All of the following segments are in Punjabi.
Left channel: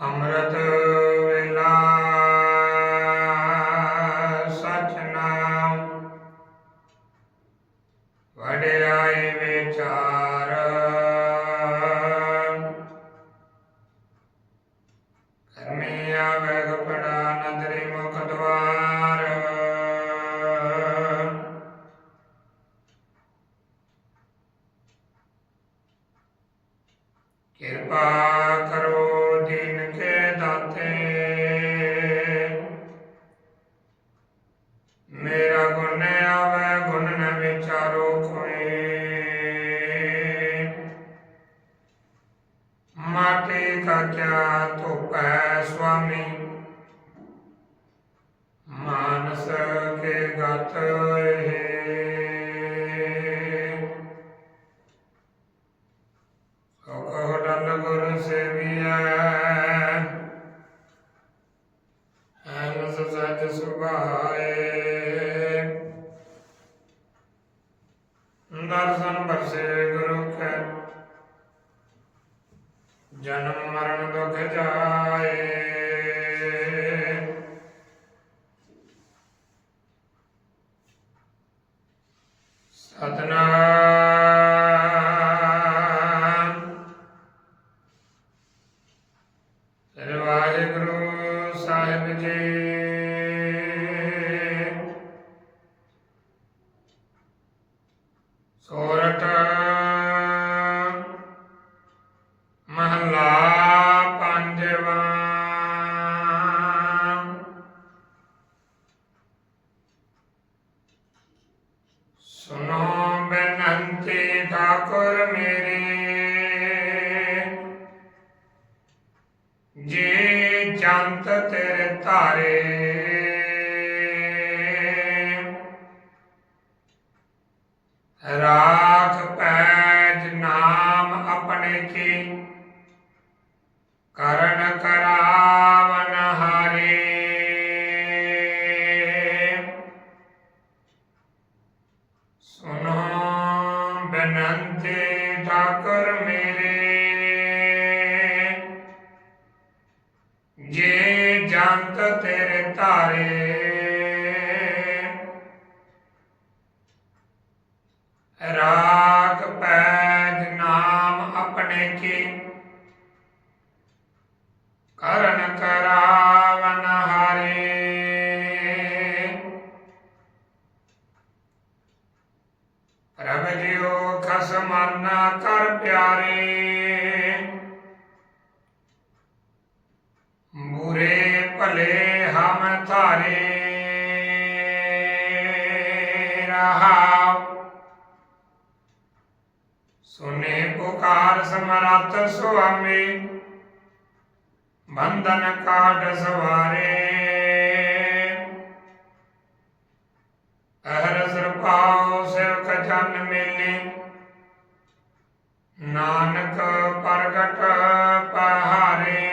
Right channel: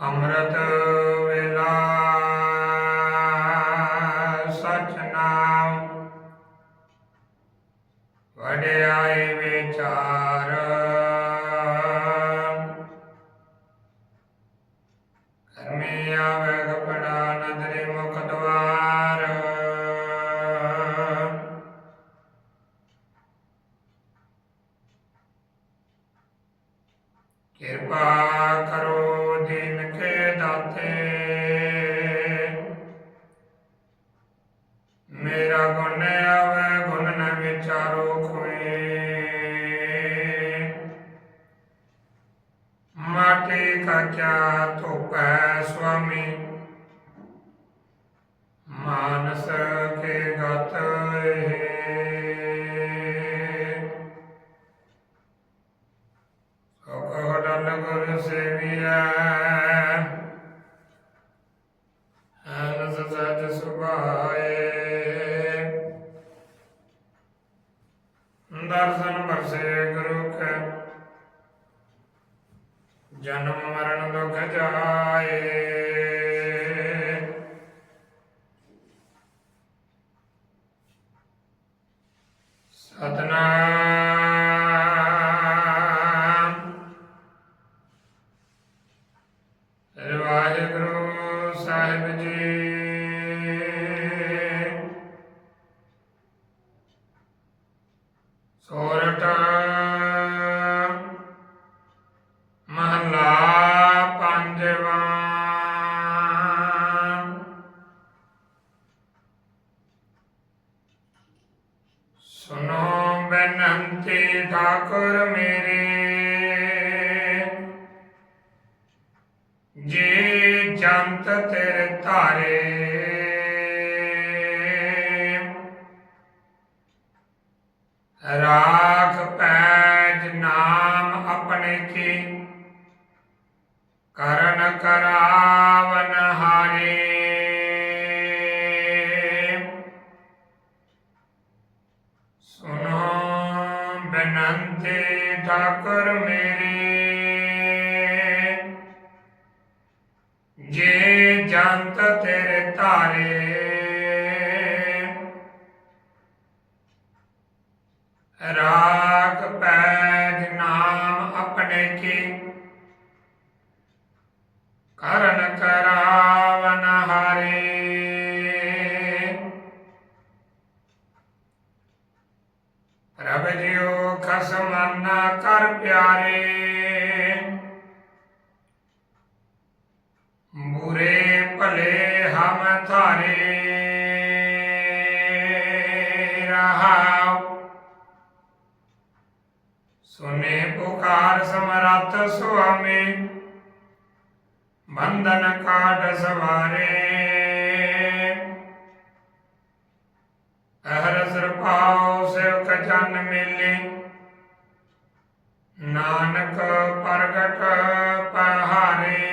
ਅੰਮ੍ਰਿਤ ਵੇਲਾ ਸਚ ਨਾਮ। ਵਡਿਆਈ ਵਿਚਾਰ। ਕਰਮੀ ਆਵੇ ਕਪੜਾ ਨਦਰੀ ਮੁਖ ਦਵਾਰ। ਕਿਰਪਾ ਕਰੋ साथे मेरा गुण न आवे, गुण न विचारो खोए। माटी का क्या तुप है, स्वामी? मानस के गत है। गुरु से भी है। ਸਜ ਦਰਸ਼ਨ ਬਰਸੇ ਗੁਰੂ ਕੈ। ਜਨਮ ਮਰਨ ਦੁਖ ਜਾਏ। ਸਤਨਾਮ। ਵਾਹਿਗੁਰੂ ਸਾਹਿਬ ਜੀ। ਸੋਰਠ ਮਹਲਾ ਪੰਜਵਾ। ਸੁਨੋ ਬੇਨੰਤੀ ਠਾਕੁਰ ਮੇਰੇ ਜੇ ਜੰਤ ਤੇਰੇ ਧਾਰੇ। ਰਾਖ ਪੈਜ ਨਾਮ ਆਪਣੇ ਕੀ। ਕਰਨ ਕਰਾਵਨ ਹਾਰੇ। ਸੁਨੋ ਬੇਨੰਤੀ ਠਾਕੁਰ ਮੇਰੇ। ਜੇ ਜੰਤ ਤੇਰੇ ਧਾਰੇ ਰਾਗ ਪੈਜ ਨਾਮ ਆਪਣੇ ਕੀ ਕਰਨ ਕਰਾਵਨ ਹਾਰੇ ਪ੍ਰਭ ਜਿਉ ਖਸਮਾਨਾ ਕਰ ਪਿਆਰੇ ਬੁਰੇ ਭਲੇ ਹਮ ਥਾਰੇ ਰਹਾਉ ਸੁਨੇ ਪੁਕਾਰ ਸਮਰੱਥ ਸੁਆਮੀ ਬੰਧਨ ਕਾਟ ਸਵਾਰੇ ਅਹਰ ਸਰਪਾਉ ਸਿਰਕ ਜਨ ਮੇਲੇ ਨਾਨਕ ਪ੍ਰਗਟ ਪਹਾਰੇ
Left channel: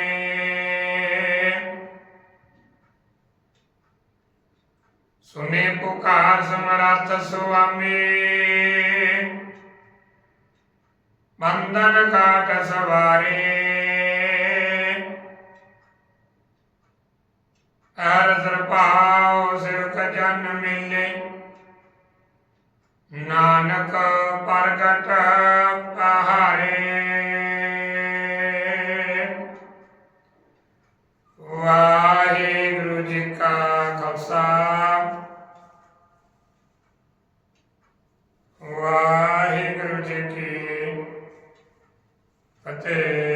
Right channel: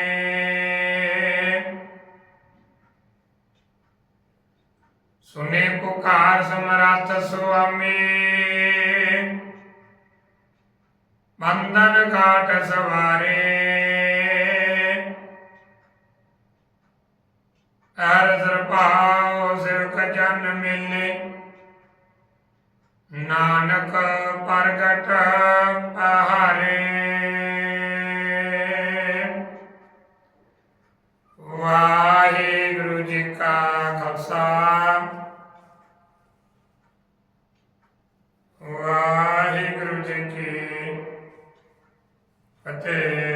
ਸੁਨੇ ਪੁਕਾਰ ਸਮਰੱਥ ਸੁਆਮੀ ਬੰਧਨ ਕਾਟ ਸਵਾਰੇ ਹਰ ਸਰਪਾਉ ਸਿਰਕ ਜਨ ਮਿਲੇ। ਨਾਨਕ ਪ੍ਰਗਟ ਪਹਾਰੇ। ਵਾਹਿਗੁਰੂ ਜੀ ਕਾ ਖਾਲਸਾ। ਵਾਹਿਗੁਰੂ ਜੀ ਕੀ ਫਤਿਹ।